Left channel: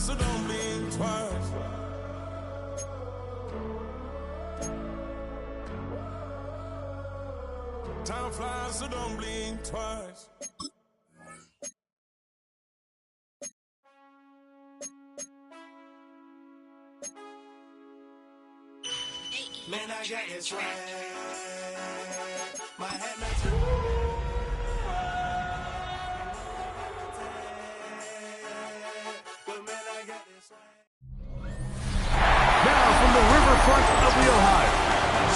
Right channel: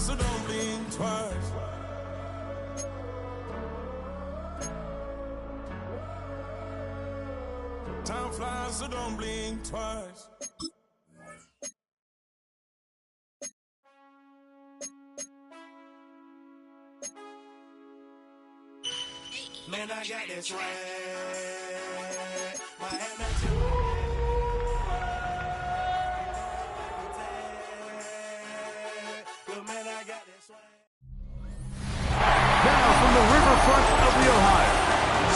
flies, so don't blink twice. Time flies, so don't blink twice. Man, I got this right. My head Now from the riverfront of the Ohio,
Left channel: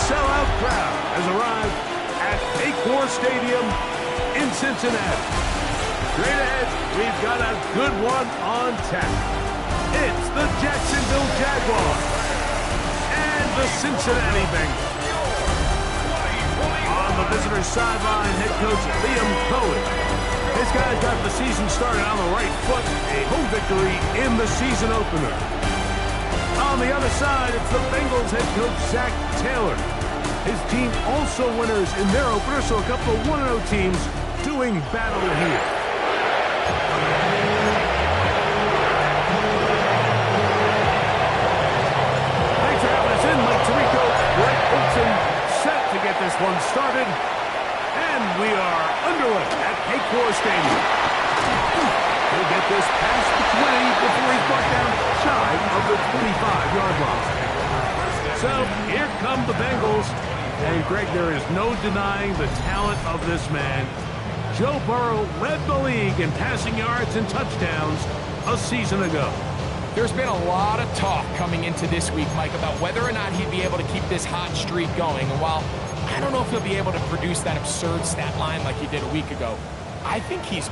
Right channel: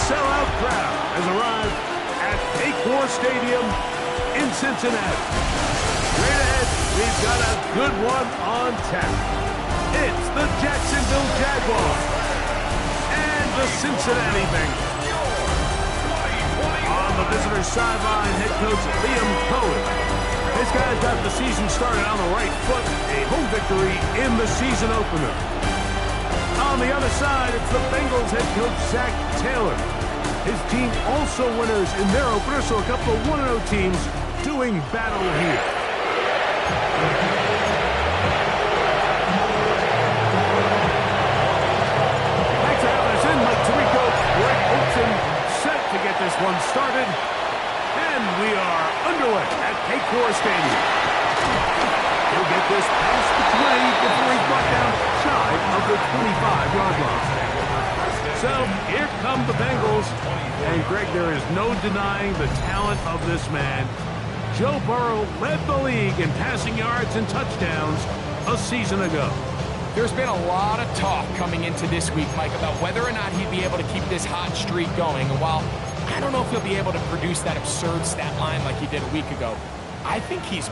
sellout crowd has arrived at Paycor Stadium in Cincinnati. Straight ahead, we've got a good one on tap. It's the Jacksonville Jaguars and the Cincinnati Bengals. On the visitor's sideline, head coach Liam Cohen. This guy's got the season started on the right foot, a home victory in the season opener. On the other side, it's the Bengals head coach Zach Taylor. His team also winners in their opener, so a couple of 1-0 teams doing battle here. Thanks for having us in, Mike Tirico, Greg Olson, set to get this one started. And we are underway at Paycor Stadium. He'll get this past the 20 before he's brought down shy of the 25-yard line. So here come the Bengals. And Greg, there is no denying the talent of this man. Joe Burrow led the league in passing yards and touchdowns a season ago. There's been a lot of talk coming into this week, Mike, about whether or not he'd be able to keep this hot streak going. And while I don't know if he'll be able to produce that absurd stat line like he did a week ago, I think he's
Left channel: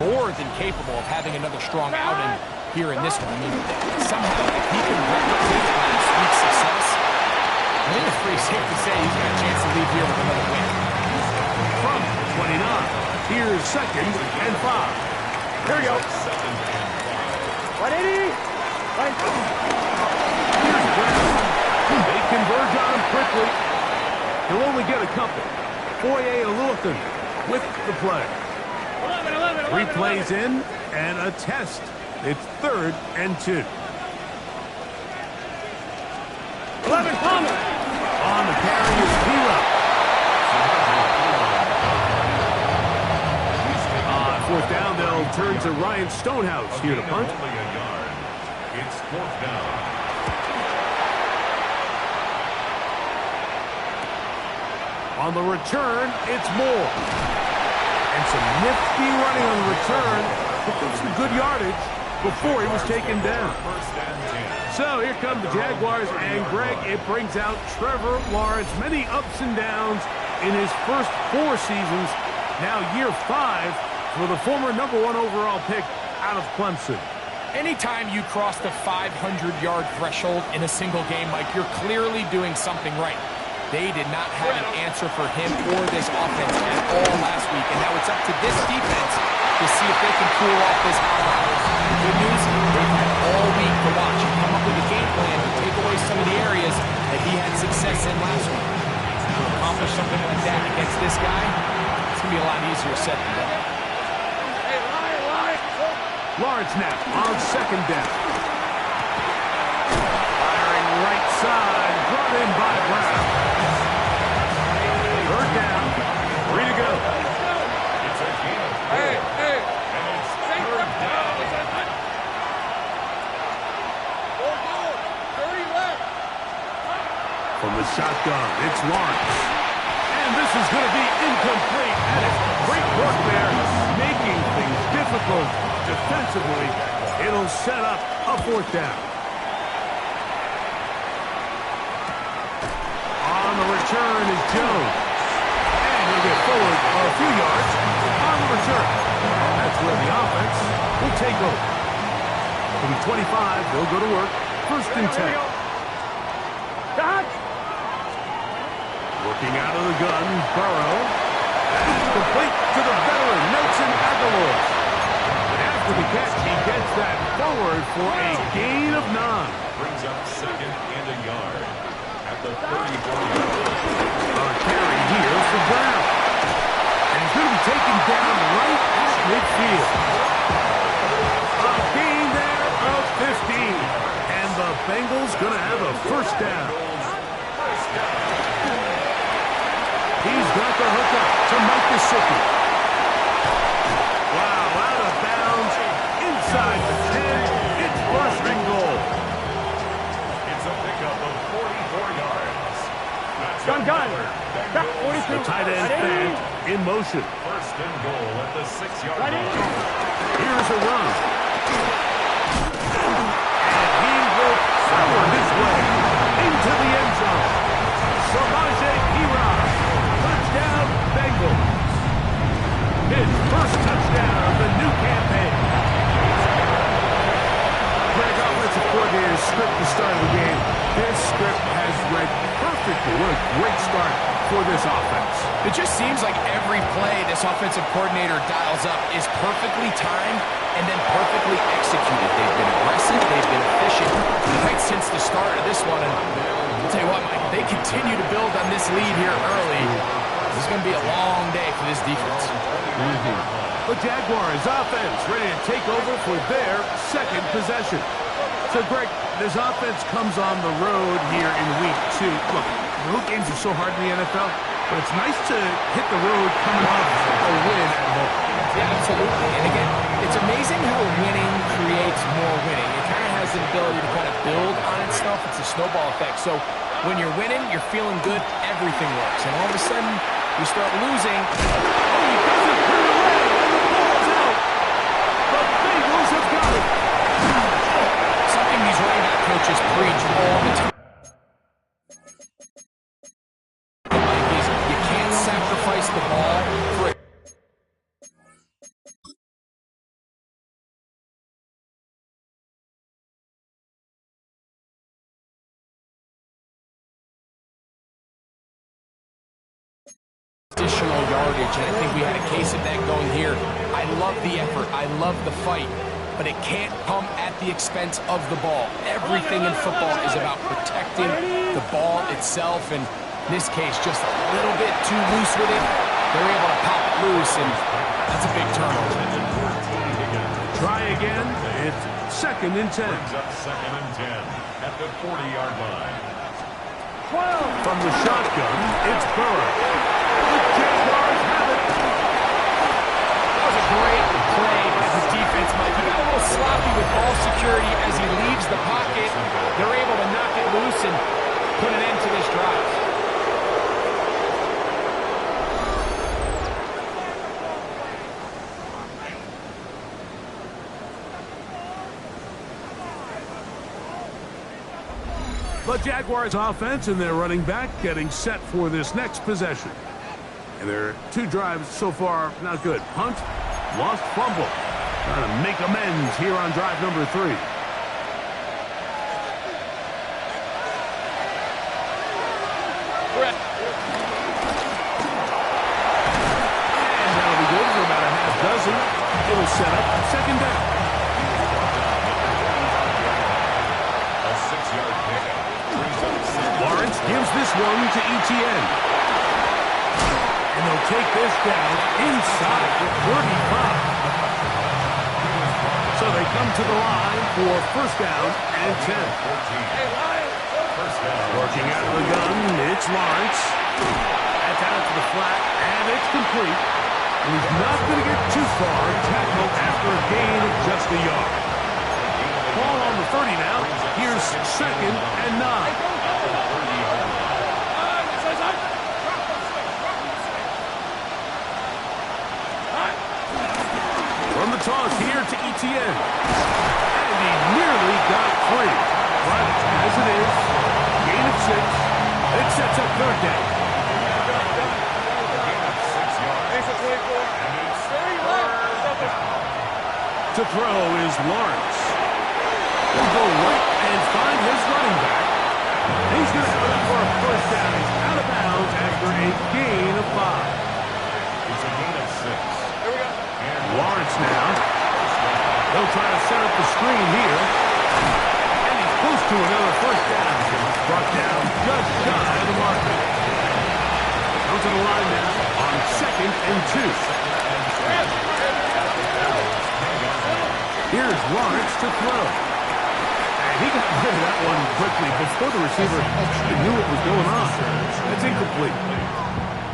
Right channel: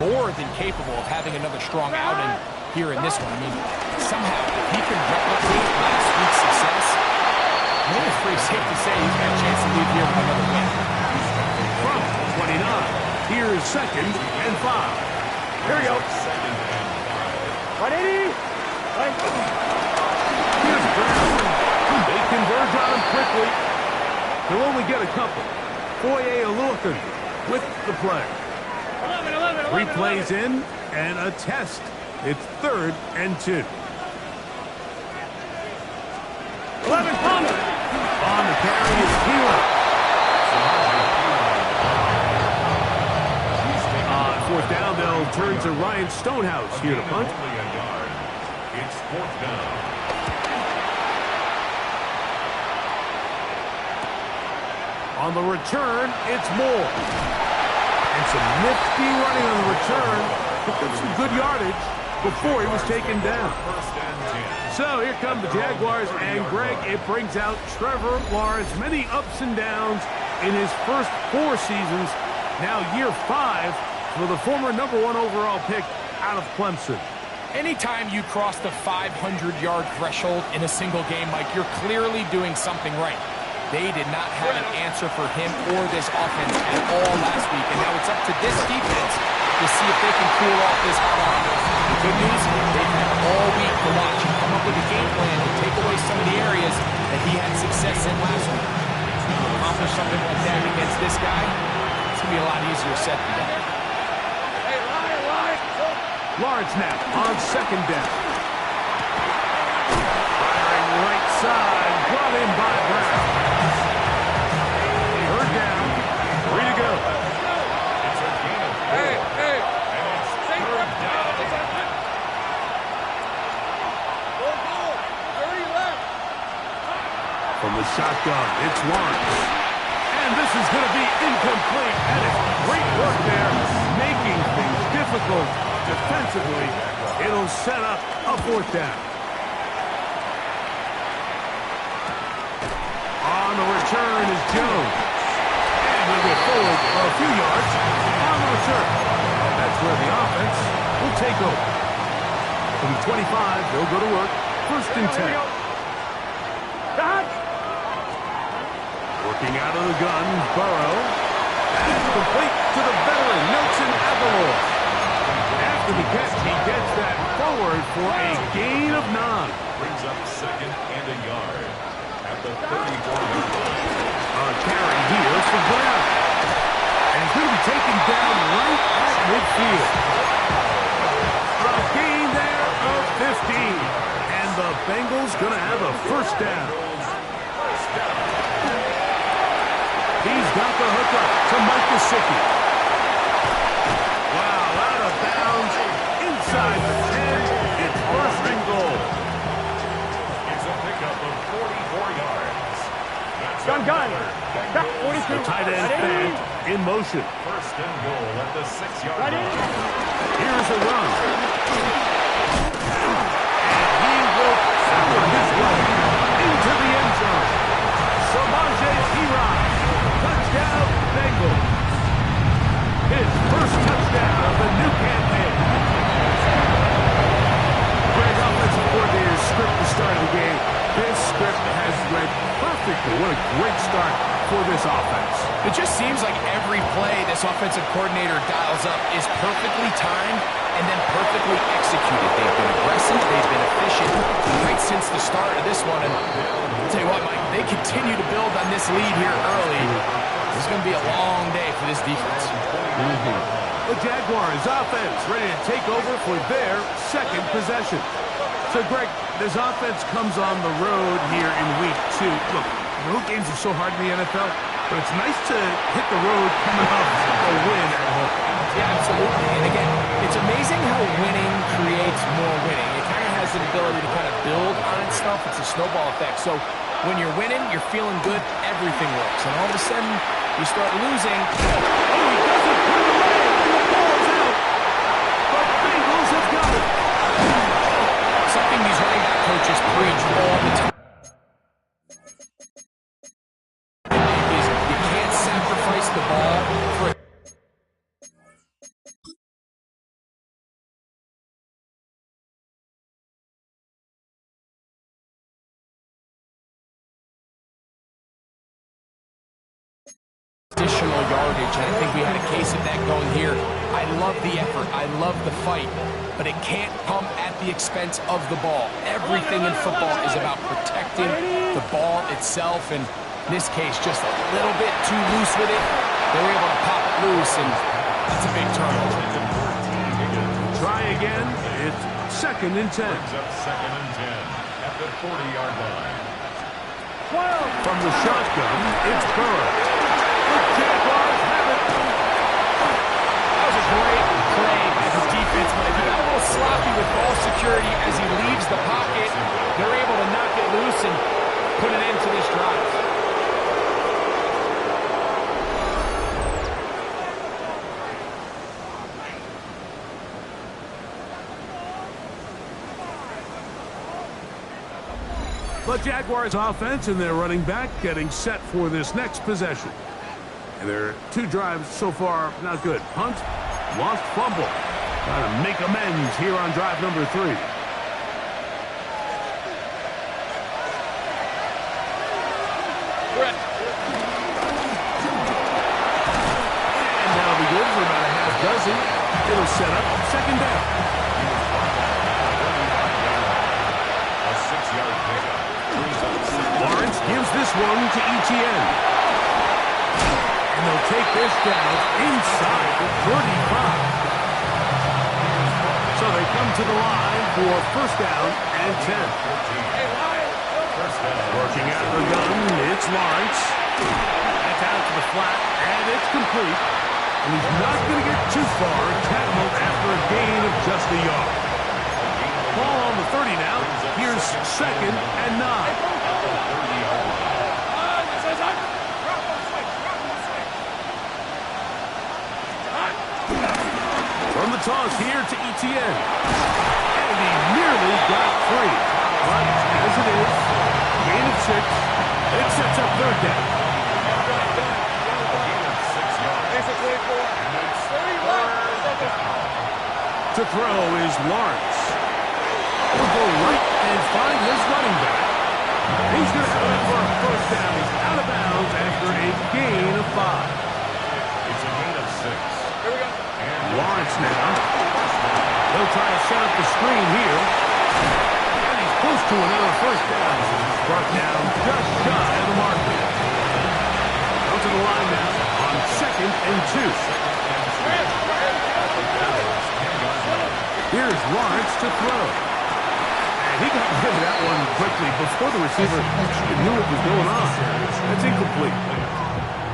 more than capable of having another strong outing here in this one. I mean, somehow, if he can replicate last week's success, I think it's pretty safe to say he's got a chance to leave here with another win. From 29, here's 2nd and 5. Here we go. 180. Here's Brown. They converge on him quickly. He'll only get a couple. Foye Oluokun with the play. 3 plays in and a test. It's 3rd and 2. 11 Palmer. On the carry is P-Rock. On 4th down, they'll turn to Ryan Stonehouse here to punt. It's 4th down. On the return, it's Moore. And some nifty running on the return. Picked up some good yardage before he was taken down. So here come the Jaguars, and Greg, it brings out Trevor Lawrence. Many ups and downs in his first 4 seasons. Now year 5 for the former #1 overall pick out of Clemson. Anytime you cross the 500-yard threshold in a single game, Mike, you're clearly doing something right. They did not have an answer for him or this offense at all last week, and now it's up to this defense to see if they can cool off this hot offense. The good news, they've had all week to watch and come up with a game plan to take away some of the areas that he had success in last week. To accomplish something like that against this guy, it's going to be a lot easier said than done. Lawrence now on 2nd down. Firing right side, brought in by Brown. 3rd down, 3 to go. It's a gain of 4. And it's 3rd down. 30 left. From the shotgun, it's Lawrence. And this is going to be incomplete. And it's great work there, making things difficult defensively. It'll set up a 4th down. On the return is Jones. And he'll get forward a few yards on the return. That's where the offense will take over. From the 25, they'll go to work. 1st and 10. Working out of the gun, Burrow. That's complete to the veteran, Nelson Aguilar. After the catch, he gets that forward for a gain of 9. Brings up 2nd and a yard at the 34-yard line. A carry here some ground. And he's going to be taken down right at midfield. A gain there of 15. And the Bengals going to have a first down. He's got the hookup to Mike Gesicki. Wow, out of bounds, inside the 10. It's first and goal. It's a pickup of 44 yards. That's Gun. Back 42. The tight end Fant in motion. First and goal at the 6-yard Ready? line. Here's a run. And he will power his way into the end zone. Samaje Perine. Touchdown, Bengals. His first touchdown of the new campaign. Greg, offensive coordinator's script the start of the game. This script has read perfectly. What a great start for this offense. It just seems like every play this offensive coordinator dials up is perfectly timed and then perfectly executed. They've been aggressive. They've been efficient right since the start of this one. And I'll tell you what, Mike, they continue to build on this lead here early. This is going to be a long day for this defense. The Jaguars offense ready to take over for their second possession. So, Greg, this offense comes on the road here in week 2. Look, road games are so hard in the NFL, but it's nice to hit the road coming off a win at home. Yeah, absolutely. And again, it's amazing how winning creates more winning. It kind of has the ability to kind of build on itself. It's a snowball effect. So when you're winning, you're feeling good, everything works. And all of a sudden, you start losing. Oh, he doesn't put it away, and the ball's out. The Bengals have got it. Something these running back coaches preach all the time. Mike, is you can't sacrifice the ball for a additional yardage, and I think we had a case of that going here. I love the effort. I love the fight. But it can't come at the expense of the ball. Everything in football is about protecting the ball itself, and in this case, just a little bit too loose with it. They're able to pop it loose, and that's a big turnover. Try again. It's second and 10. Brings up second and 10 at the 40-yard line. From the shotgun, it's Burrow. The Jaguars have it. That was a great play by the defense, Mike. He got a little sloppy with ball security as he leaves the pocket. They're able to knock it loose and put an end to this drive. The Jaguars offense and their running back getting set for this next possession. And their 2 drives so far, not good. Punt, lost fumble. Trying to make amends here on drive number 3. And that'll be good for about a half dozen. It'll set up second down. He was brought down at the 40-yard line. A 6-yard pickup. Lawrence gives this one to Etienne. And they'll take this down inside the 35. So they come to the line for first down and 10. Working out of the gun, it's Lawrence. That's out to the flat, and it's complete. And he's not going to get too far, tackled after a gain of just a yard. Ball on the 30 now. Here's second and 9. From the toss here to Etienne. And he nearly got free. But as it is, gain of 6. It sets up third down. A gain of 6 yards. And it's third down. To throw is Lawrence. He'll go right and find his running back. He's going to have enough for a first down. He's out of bounds after a gain of 5. It's a gain of 6. Here we go. And Lawrence now. They'll try to set up the screen here. And he's close to another first down. Brought down just shy of the marker. Come to the line now 2nd and 2. Here's Lawrence to throw. And he got rid of that one quickly before the receiver even knew what was going on. That's incomplete.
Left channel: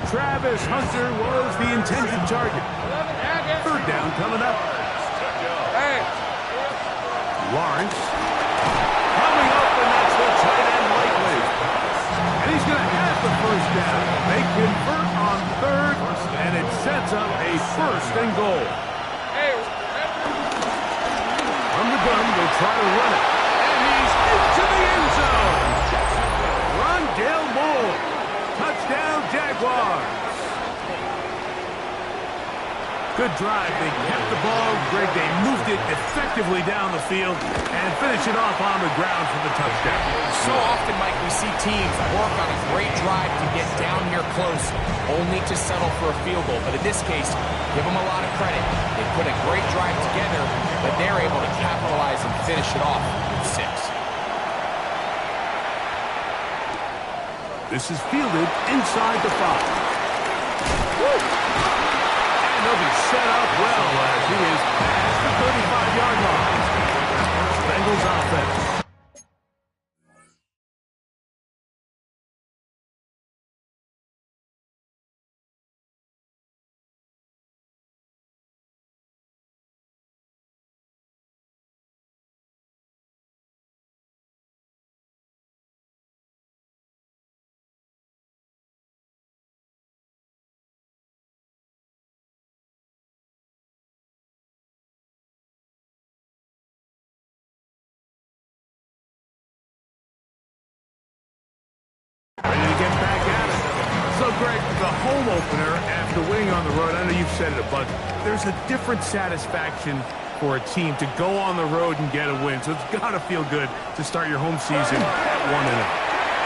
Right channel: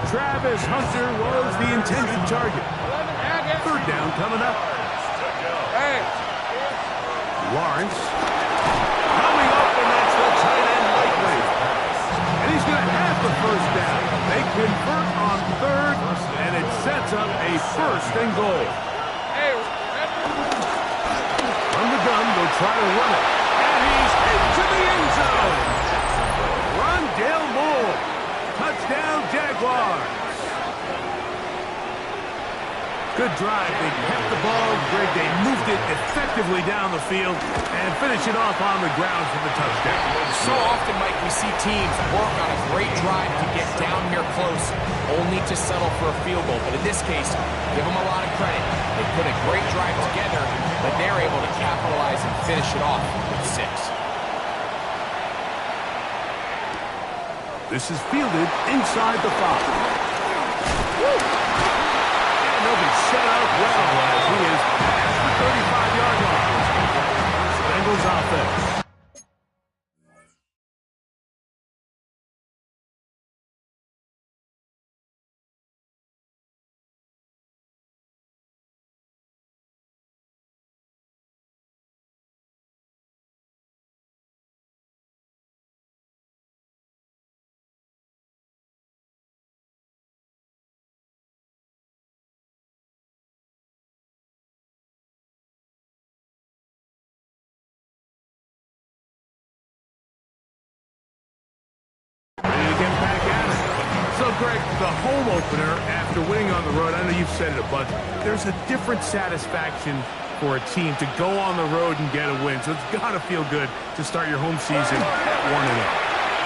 Travis Hunter was the intended target. 3rd down coming up. Lawrence coming up, and that's the tight end likely. And he's going to have the 1st down. They convert on 3rd, and it sets up a 1st and goal. From the gun, they'll try to run it. And he's into the end zone. Rondale Moore. Touchdown, Jaguars. Good drive. They kept the ball. Greg, they moved it effectively down the field and finish it off on the ground for the touchdown. So often, Mike, we see teams work on a great drive to get down here close, only to settle for a field goal. But in this case, give them a lot of credit. They put a great drive together, but they're able to capitalize and finish it off with 6. This is fielded inside the 5. Woo! And they'll be set up well as he is past the 35-yard line. Bengals offense. Ready to get back at it. So, Greg, the home opener after winning on the road, I know you've said it a bunch, there's a different satisfaction for a team to go on the road and get a win. So it's got to feel good to start your home season at 1-0.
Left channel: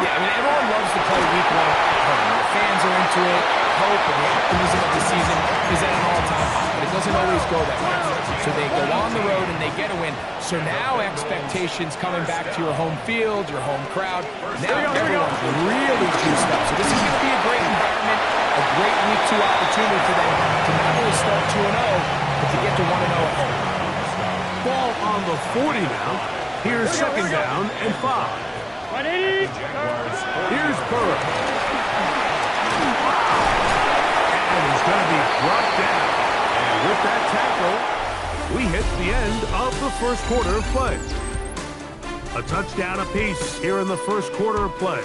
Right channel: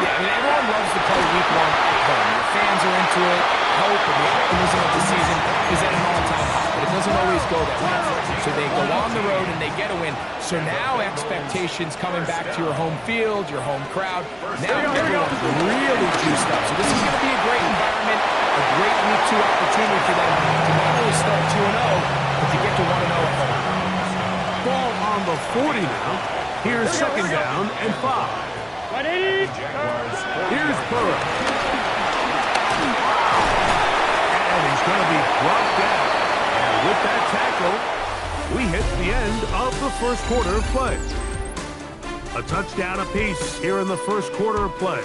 Yeah, I mean, everyone loves to play week 1 at home. The fans are into it. Hope and the optimism of the season is at an all-time high, but it doesn't always go that way. So they go on the road and they get a win. So now expectations coming back to your home field, your home crowd. Now everyone's really juiced up. So this is going to be a great environment, a great week 2 opportunity for them to not only start 2-0, but to get to 1-0 at home. Ball on the 40 now. Here's 2nd down and 5. 180. Here's Burrow. And he's going to be brought down. And with that tackle, we hit the end of the 1st quarter of play. A touchdown apiece here in the 1st quarter of play.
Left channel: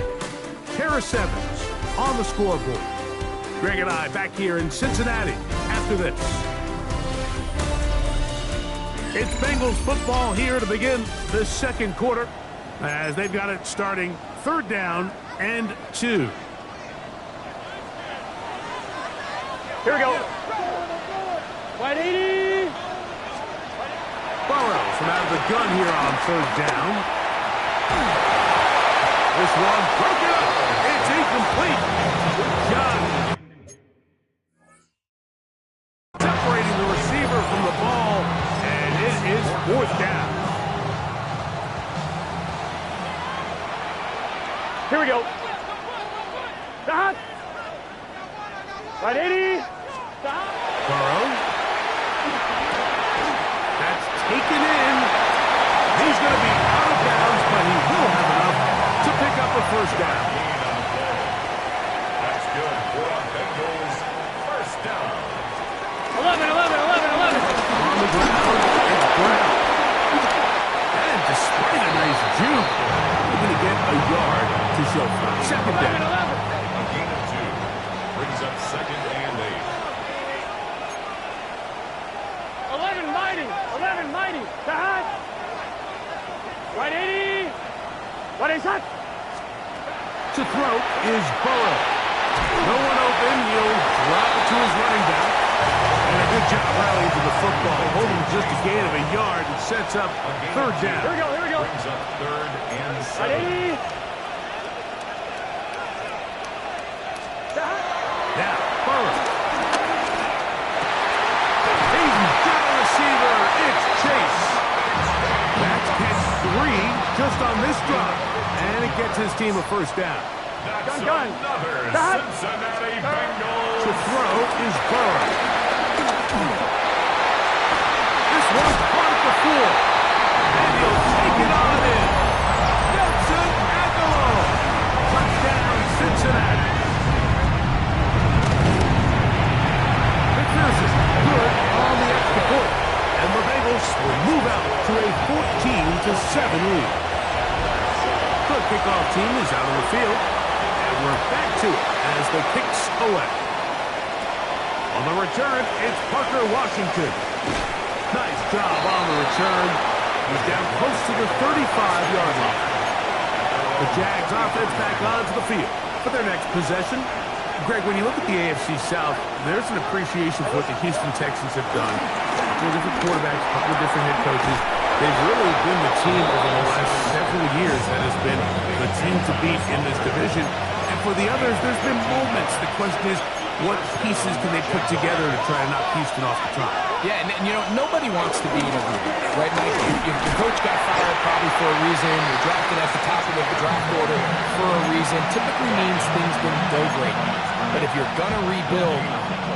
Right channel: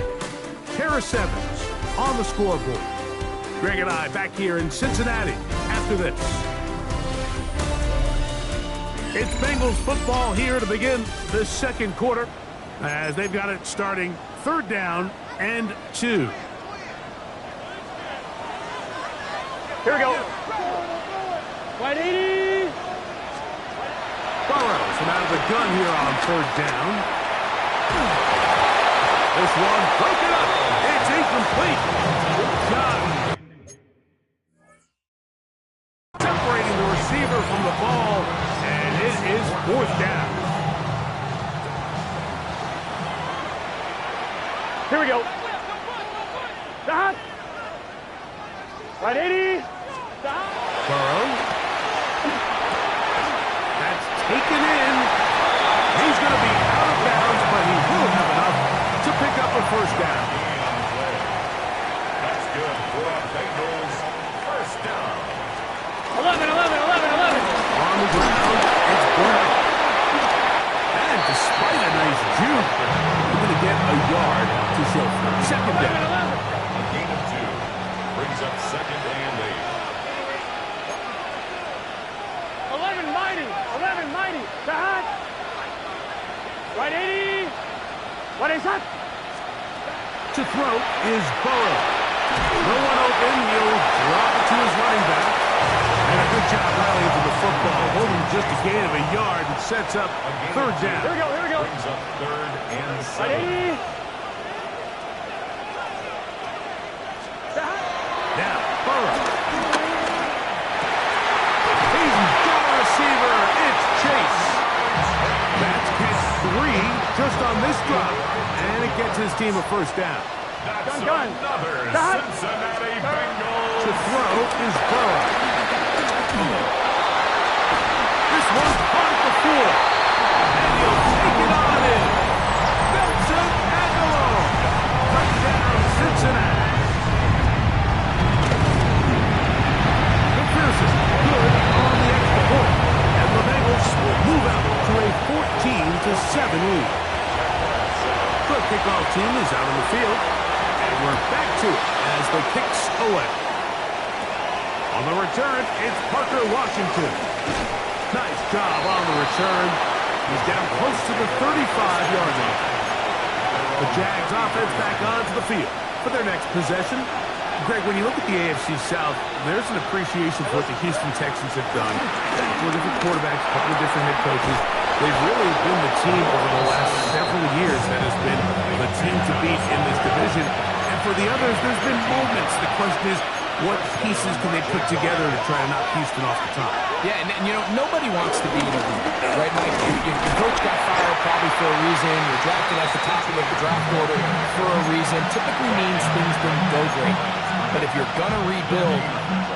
Harris Evans on the scoreboard. Greg and I back here in Cincinnati after this. It's Bengals football here to begin the 2nd quarter as they've got it starting 3rd down and 2. Here we go. 180. Burrow from out of the gun here on 3rd down. This one broken up. It's incomplete. Good job. Separating the receiver from the ball, and it is 4th down. Here we go. Stop. 180. Stop. Burrow. That's taken in. He's going to be out of bounds, but he will have enough to pick up a 1st down. That's good for a Bengals 1st down. 11. On the ground, it's Brown. And despite a nice juke, we're going to get a yard to show for 2nd down. 11. A gain of 2 brings up 2nd and 8. 11 mighty. Stop. 180. What is that? To throw is Burrow. No one open. He'll drop it to his running back. And a good job rallying to the football. Holding just a gain of a yard and sets up 3rd down. Here we go. Brings up 3rd and 7. 180. Now, Burrow. He's got a receiver. It's Chase. That's catch 3 just on this drop. And it gets his team a 1st down. That's Gun. another Stop. Cincinnati Bengals. To throw is Burrow. This one's caught at the 4. And he'll take it on in. Nelson Aguilar. Touchdown, Cincinnati. McPherson, good on the extra point. And the Bengals will move out to a 14-7 lead. The kickoff team is out on the field. And we're back to it as the kicks away. On the return, it's Parker Washington. Nice job on the return. He's down close to the 35-yard line. The Jags offense back onto the field for their next possession. Greg, when you look at the AFC South, there's an appreciation for what the Houston Texans have done. A couple of different quarterbacks, a couple of different head coaches. They've really been the team over the last several years that has been the team to beat in this division. And for the others, there's been moments. The question is, what pieces can they put together to try to knock Houston off the top? Yeah, and you know, nobody wants to be in a rebuild, right, Mike? Your coach got fired probably for a reason. You're drafted at the top of the draft order for a reason. Typically means things didn't go great. But if you're going to rebuild,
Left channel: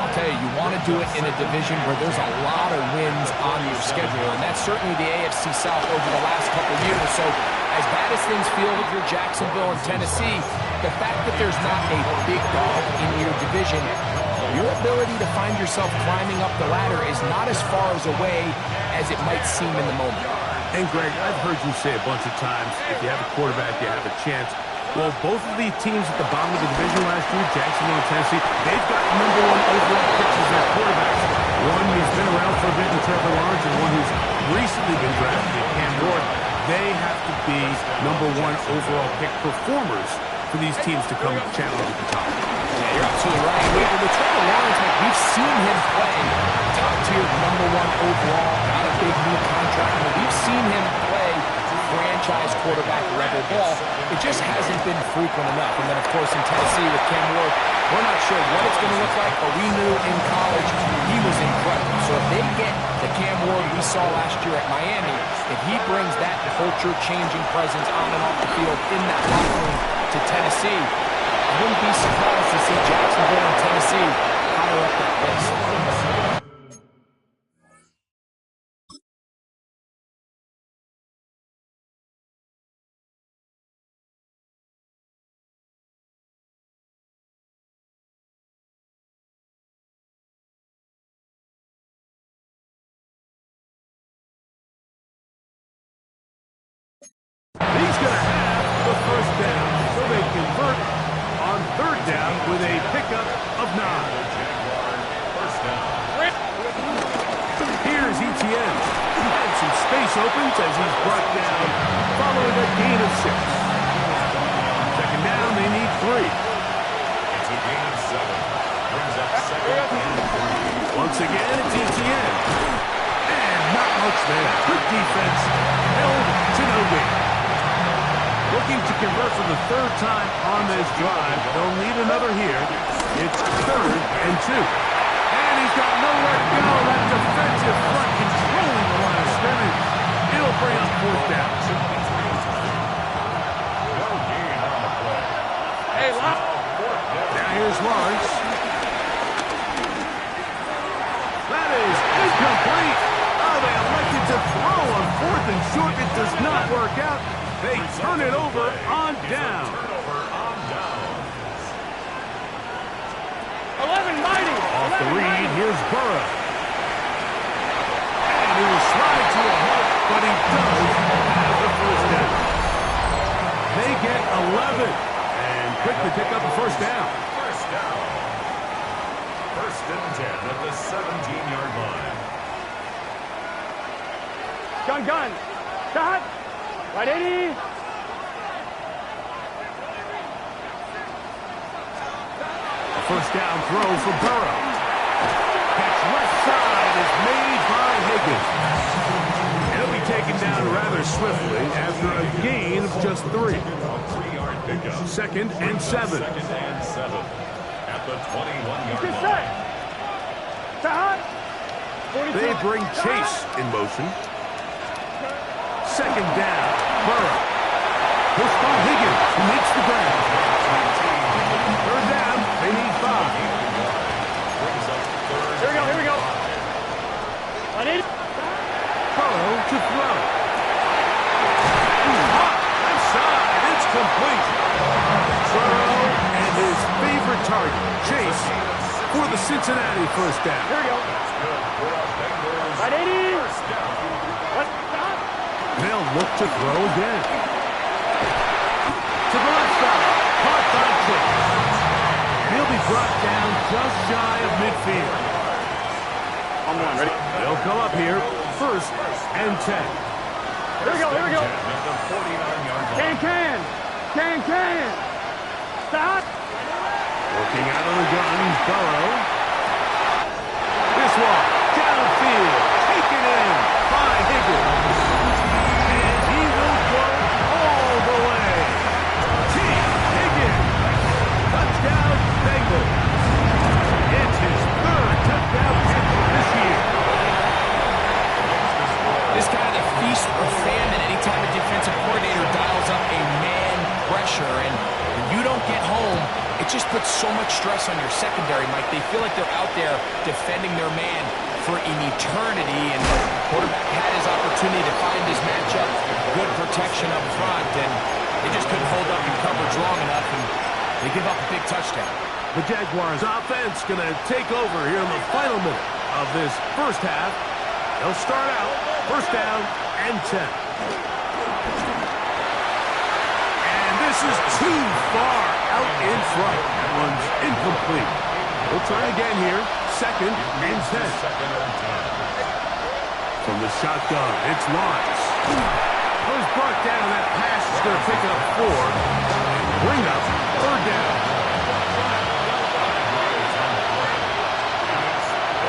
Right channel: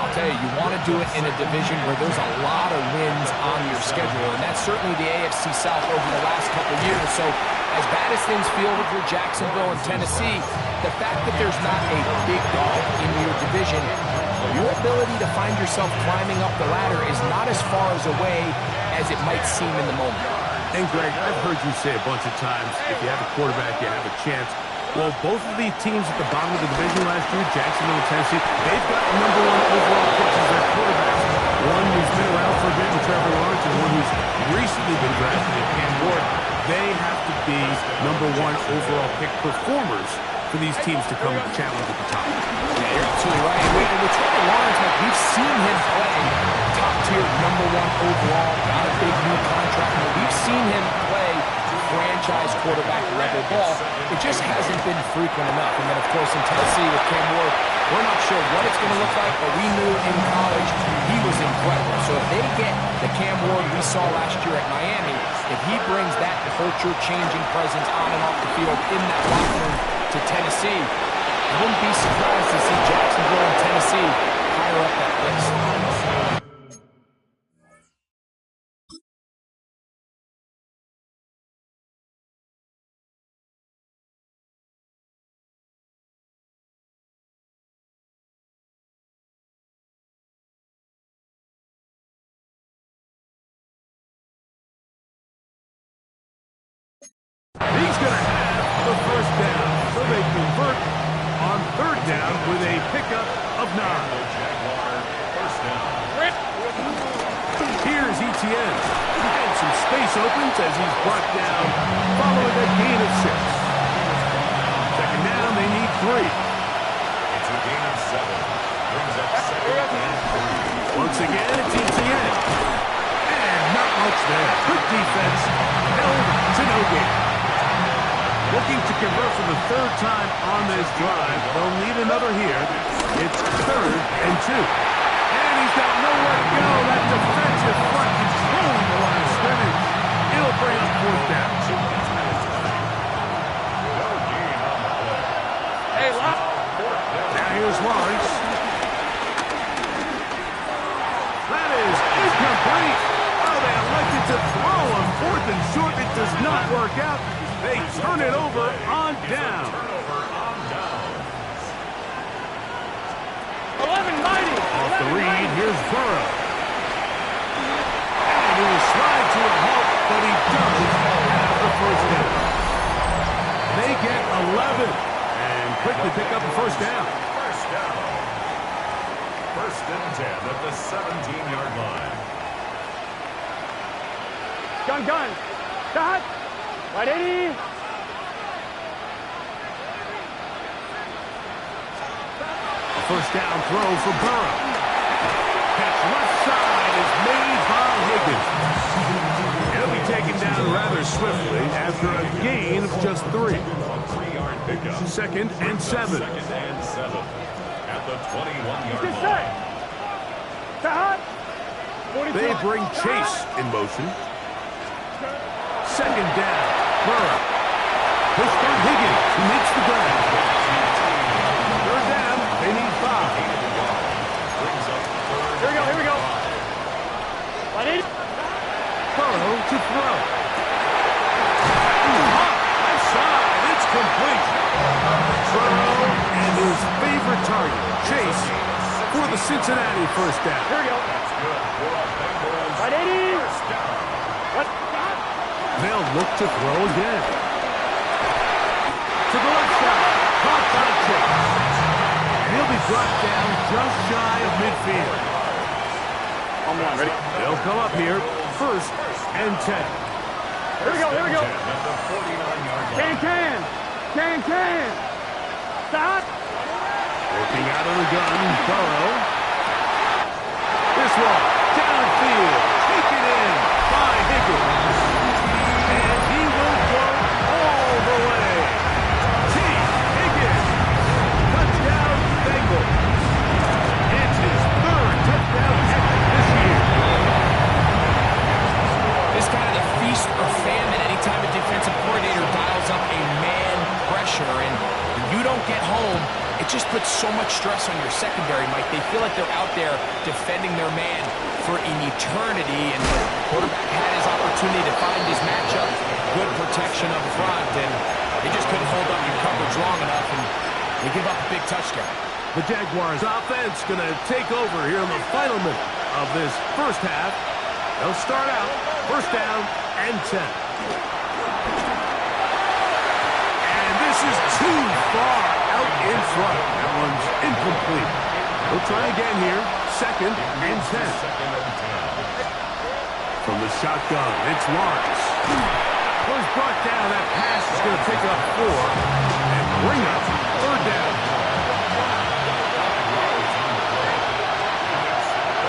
I'll tell you, you want to do it in a division where there's a lot of wins on your schedule. And that's certainly the AFC South over the last couple of years. So as bad as things feel with your Jacksonville and Tennessee, the fact that there's not a big dog in your division, your ability to find yourself climbing up the ladder is not as far as away as it might seem in the moment. And Greg, I've heard you say a bunch of times, if you have a quarterback, you have a chance. Well, both of the teams at the bottom of the division last year, Jacksonville and Tennessee, they've got #1 overall picks as their quarterbacks. One who's been around for a bit in Trevor Lawrence and one who's recently been drafted in Cam Ward. They have to be #1 overall pick performers for these teams to come challenge at the top. Yeah, you're absolutely right. With Trevor Lawrence, like, we've seen him play top-tier #1 overall, got a big new contract. We've seen him play franchise quarterback level ball. It just hasn't been frequent enough. And then, of course, in Tennessee with Cam Ward, we're not sure what it's going to look like, but we knew in college he was incredible. So if they get the Cam Ward we saw last year at Miami, if he brings that culture-changing presence on and off the field in that locker room to Tennessee, I wouldn't be surprised to see Jacksonville and Tennessee higher up that list. He's going to have the first down, so they convert on third down with a pickup of 9. First down. Here's Etienne, and some space opens as he's brought down following a gain of 6. Second down, they need 3. It's a gain of 7. Brings up second and 3. Once again, it's Etienne. And not much there. Good defense, held to no gain. Looking to convert for the third time on this drive. They'll need another here. It's 3rd and 2. And he's got nowhere to go. That defensive front controlling the line of scrimmage. It'll bring up 4th down. No gain on the play. Hey, Lop. Now here's Lawrence. That is incomplete. Oh, they elected to throw on 4th and short. It does not work out. They turn it over on down. 11 mighty. Off the read, here's Burrow. And he will slide to a halt, but he does have the first down. They get 11 and quickly pick up a first down. First down. 1st and 10 at the 17-yard line. Gun. Start. Right 80. A first down throw for Burrow. Catch left side is made by Higgins. He'll be taken down rather swiftly after a gain of just 3. A 3-yard pickup. 2nd and 7. 2nd and 7 at the 21-yard Get line. set. Start. 42. They bring Chase in motion. 2nd down. Burrow. Pushed by Higgins, who makes the grab. 3rd down. They need 5. brings up third. Here we go, here we go. Burrow to throw. Hot left side. It's complete. Burrow and his favorite target, Chase, for the Cincinnati first down. Here we go. That's good for a Bengals Right, 80. first down. Let's stop. They'll look to throw again. To the left side. Caught by Chase. And he'll be brought down just shy of midfield. On one, ready? They'll come up here, first and 10. Here we go, here we go. At the 49-yard line. Can. Stop. Working out of the gun, Burrow. This one, downfield, taken in by Higgins. And he will go all the way. T. Higgins, touchdown Bengals. It's his third touchdown catch this year. It's kind of the feast or famine anytime a defensive coordinator dials up a man pressure. And when you don't get home, it just puts so much stress on your secondary, Mike. They feel like they're out there defending their man for an eternity. And the quarterback had his opportunity to find his matchup, good protection up front, and they just couldn't hold up in coverage long enough, and they give up a big touchdown. The Jaguars offense going to take over here in the final minute of this first half. They'll start out first down and 10. And this is too far out in front. That one's incomplete. We'll try again here. Second and 10. From the shotgun, it's Lawrence. Well, he's brought down. That pass is going to pick up 4 and bring up third down.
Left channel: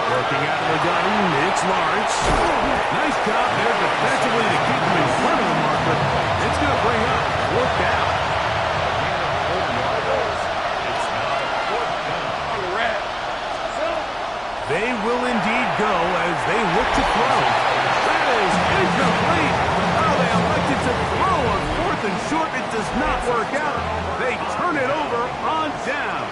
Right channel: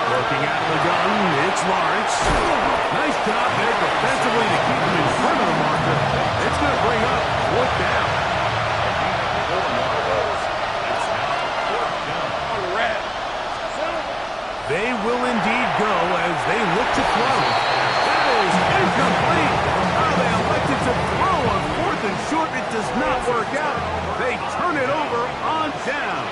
Working out of the gun, it's Lawrence. Nice job there defensively to keep him in front of the marker. It's going to bring up fourth down. It's now fourth down. On the red. They will indeed go as they look to throw. That is incomplete. Oh, they elected to throw on fourth and short. It does not work out. They turn it over on down.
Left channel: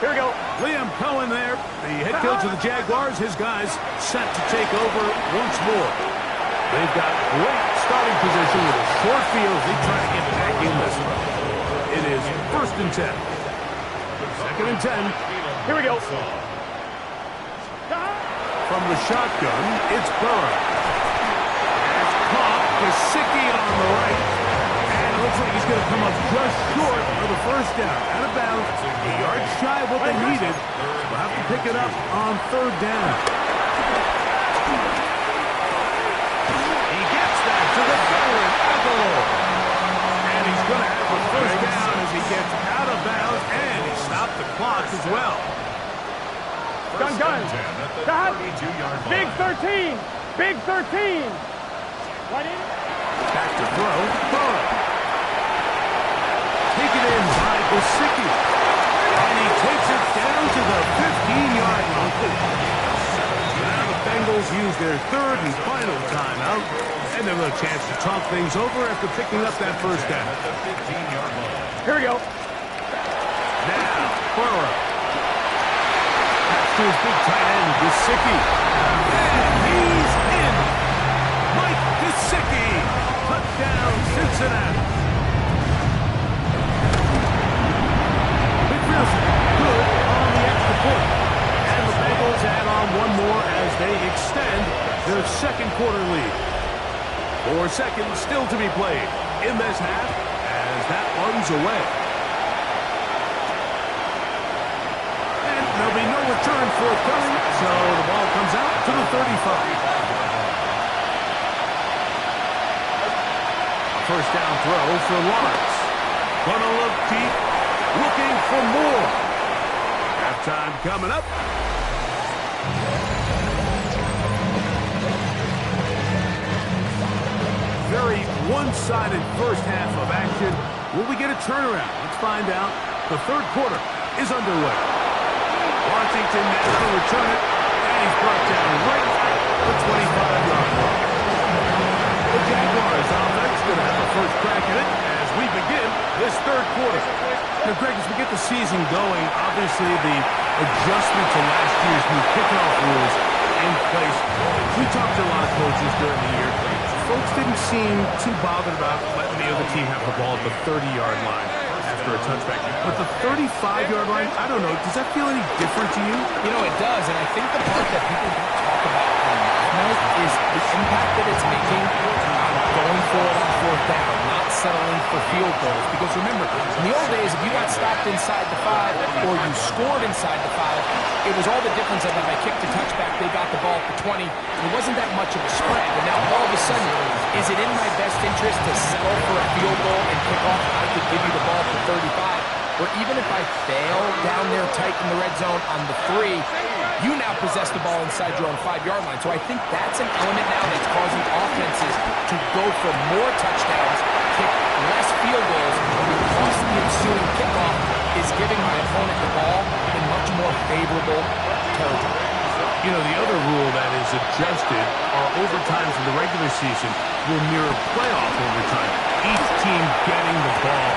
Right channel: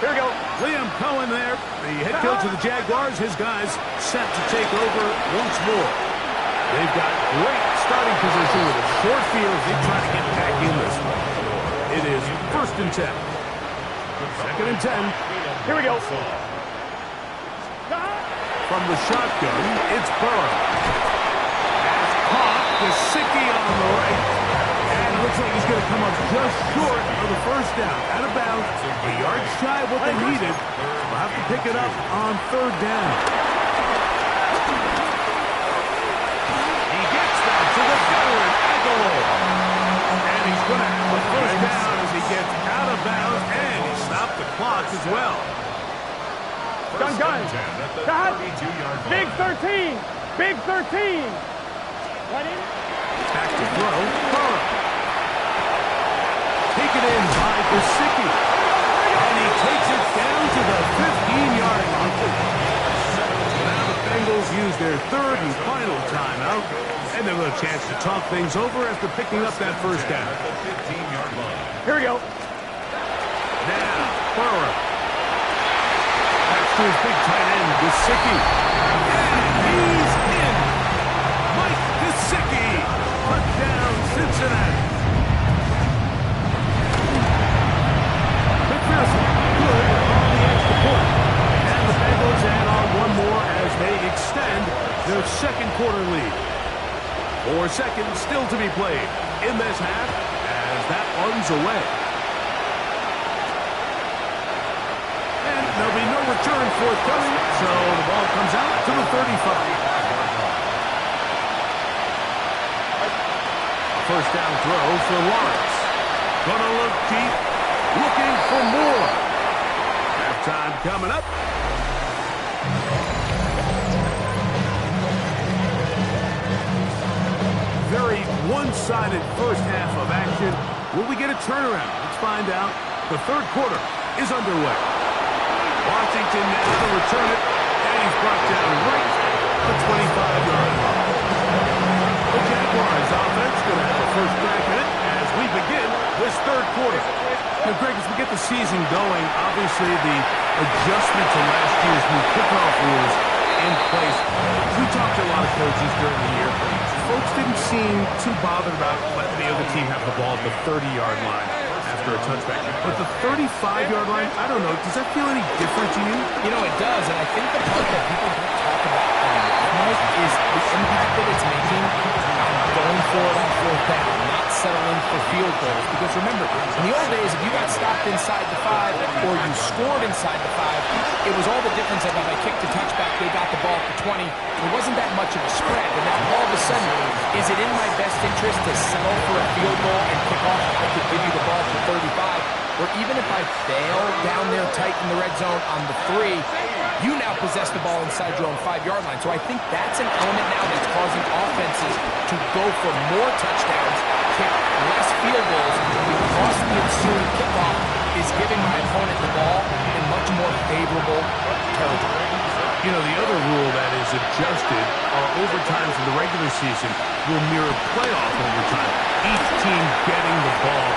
Here we go. Liam Cohen there, the head coach of the Jaguars. His guys set to take over once more. They've got great starting position with a short field as they try to get back in this one. It is first and 10. Second and 10. Here we go. From the shotgun, it's Burrow. As caught, Gesicki on the right. And it looks like he's going to come up just short of the first down. Out of bounds, a yard shy of what they needed. We'll have to pick it up on third down. He gets that to the veteran, Aguilar. And he's going to have the first down as he gets out of bounds, and he stopped the clock as well. First Gun. and 10 at the Got 32-yard line. Big 13. Big 13. Right in. Back to throw, Burrow. Taken in by Gesicki. And he takes it down to the 15-yard line. So now the Bengals use their third and final timeout. And they'll have a chance to talk things over after picking up that first down. At the 15-yard line. Here we go. Now, Burrow. Pass to his big tight end, Gesicki. And he's in. Mike Gesicki. Touchdown, Cincinnati. McPherson, good on the extra point. And the Bengals add on one more as they extend their second quarter lead. 4 seconds still to be played in this half as that one's away. And there'll be no return forthcoming, so the ball comes out to the 35. First down throw for Lawrence. Gonna look deep, looking for more. Halftime coming up. Very one-sided first half of action. Will we get a turnaround? Let's find out. The third quarter is underway. Washington now to return it, and he's brought down right at the 25-yard line. The Jaguars offense going to have a first crack at it as We begin this third quarter. Now, Greg, as we get the season going, obviously the adjustment to last year's new kickoff rules in place. We talked to a lot of coaches during the year. Folks didn't seem too bothered about letting the other team have the ball at the 30-yard line after a touchback. But the 35-yard line, I don't know, does that feel any different to you? You know, it does, and I think the part that people don't talk about enough is the impact that it's making on going for it on fourth down, not settling for field goals. Because remember, in the old days, if you got stopped inside the 5 or you scored inside the 5, it was all the difference of if I kicked a touchback, they got the ball at the 20. It wasn't that much of a spread, but now all of a sudden, is it in my best interest to settle for a field goal and kick off? I could give you the ball for 35, or even if I fail down there tight in the red zone on the 3, you now possess the ball inside your own 5-yard line. So I think that's an element now that's causing offenses to go for more touchdowns, kick less field goals, because the ensuing kickoff is giving my opponent the ball in much more favorable territory. You know, the other rule that is adjusted are overtimes in the regular season will mirror playoff overtime. Each team getting the ball